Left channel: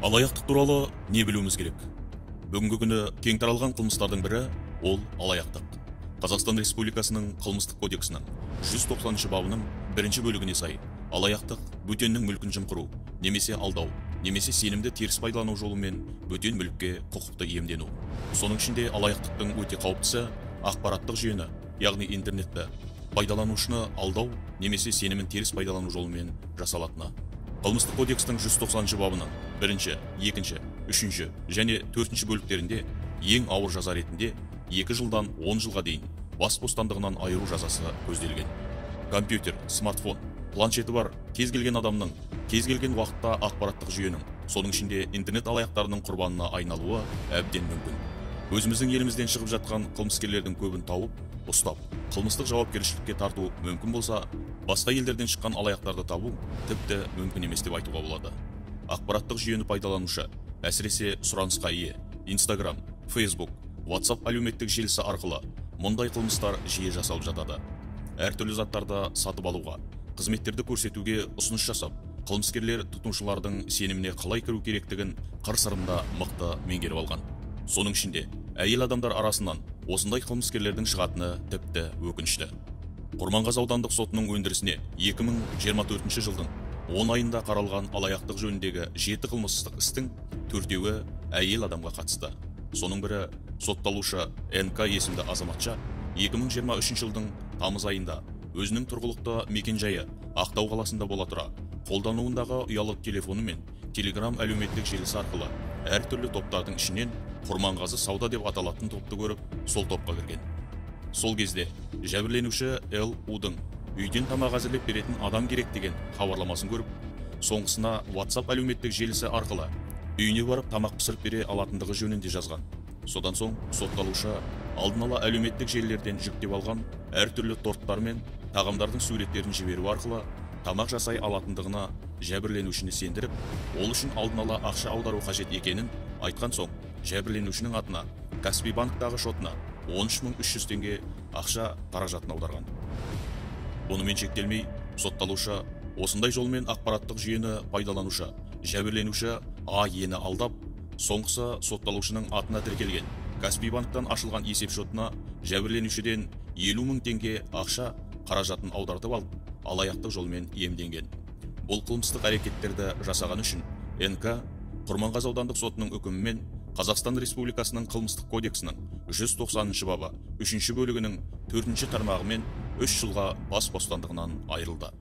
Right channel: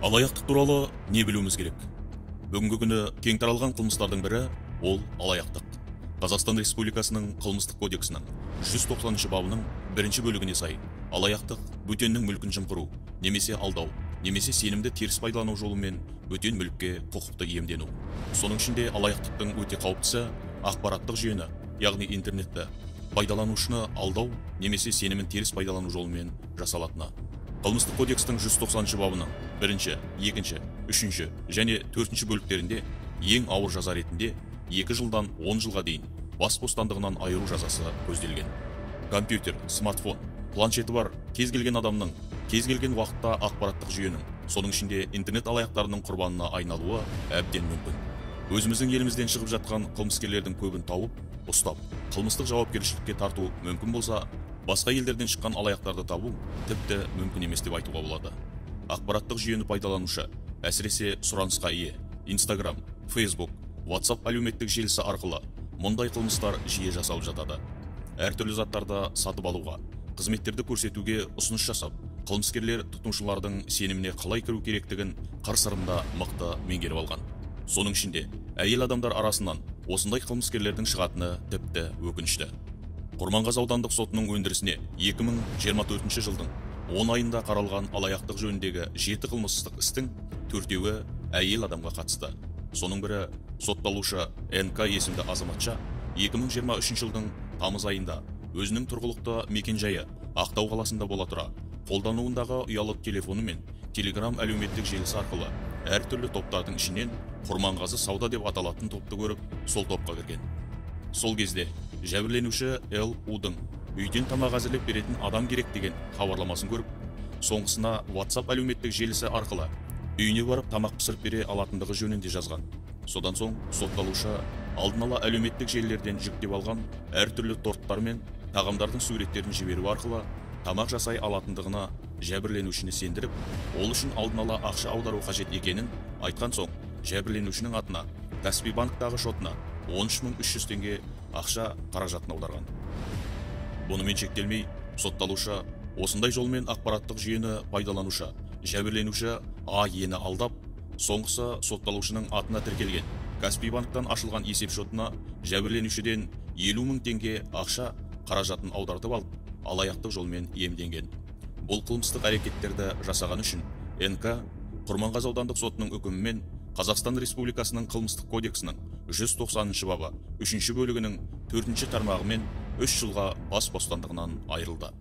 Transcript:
Алаяқтық туралы не білуіміз керек? Бүгінгі күні кең таралған қылмыстардың бірі ол алаяқтық. Қазақстан Республикасының қылмыстық кодексінің 190 бабының бірінші бөлігіне сай, алаяқтық бөтеннің мүлкін жымқыру, немесе алдау, немесе сенімді теріс пайдалану жолымен бөтен мүлікке құқықты иемдену. Соның ішінде алаяқтықтың өте қауіптісі ақпараттық жүйені, яғни интернетті, пайдаланушыны алдау немесе сенімін теріс пайдалану жолымен жасалатыны. Қылмыстық кодекстің 190 бабының 1-ші, 2-ші, 3-ші және 4-ші бөліктерінде ең ауыр жаза ретінде 2 жылдан 10 жылға дейін бас бостандығынан айыру жазасы көзделген. Компьютер, смартфон, планшеті бар кез келген адамның кез келген уақытта ақпараттық жүйенің, соның ішінде интернет алаяқтарының құрбанына айналуы әбден мүмкін. Өзіміздің елімізден шығып жатқан қылмыскерлердің көбін тауып, ұстап, қылмыстық жауапкершілікке тарту мүмкін болса, басқа елдерден шыққан алаяқтарды табу тіпті мүмкін емес деп айтуға болады. Ақпараттық жүйені пайдаланушы, әсіресе сұранысқа ие, Instagram, Facebook, WhatsApp әлеуметтік желісі арқылы мұндай қылмыстар жиі жасалып жатады. Әртүрлі заттарды сатып алуға, қызметтерді көрсетуге ұсыныс жасап, қылмыскерлер тұтынушылардың сеніміне қалай кіру керектігін қыр-сырында мықты меңгеріп алған. Соның ішінде әйел адамдар арасынан осындай қылмыскерлердің шығатыны тіпті өкінішті. Құрманғазы аудандық сотының өндірісіне 2024 жылдың 10 айында қаралған алаяқтық жөніндегі 7 қылмыстық істің 4-еуі әйел адамға қатысты. Соның бірі сотталушы НК есімді азаматша 2023 жылдың тамыз айында өзінің тұрғылықты мекенжайы Ақтау қаласында бола тұра, қолдануындағы ұялы телефоны мен Telegram әлеуметтік желісі арқылы әртүрлі топтардың ішінен Құрманғазы сауда деп аталатын топты көріп, сол топқа кірген. Сол кезде жәбірленуші Л.У.дың үйден тамақ әзірлеп беретін адам керек деген хабарламасын көріп, соңғысына WhatsApp әлеуметтік желісі арқылы үйіне барып тамақ пісіріп бере алатындығы жөнінде жазған. Содан соң сотталушы алдын ала әлеуметтік желілерден жүктеп алған әртүрлі торттар мен тағамдардың суреттерін жіберу арқылы тамақ жасай алатындығына жәбірленушіні сендіріп, ол үшін алдын ала ақша аудару қажет екенін айтқан соң, жәбірленушінің атына Каспий банктағы шотына 13.300 теңге ақша қаражатын аударған. Бұнымен шектелмей, сотталушы осындай жолмен ақпараттық жүйені пайдаланушы, жәбірленуші А.Ені алдап, соңғысы сотталушының атына тіркелген Каспий банктан ашылған есеп шотына жәбірленушіден 50.000 теңге ақша қаражатын аудартып алып, алаяқтық жолмен иемденген. Бұл қылмыстық әрекеттерді жасаған үшін НК Құрманғазы аудандық сотының үкімімен Қазақстан Республикасының қылмыстық кодексінің 190 бабы 3-ші бөлігінің 4-ші тармағымен 3 жылға бас бостандығынан айырылды.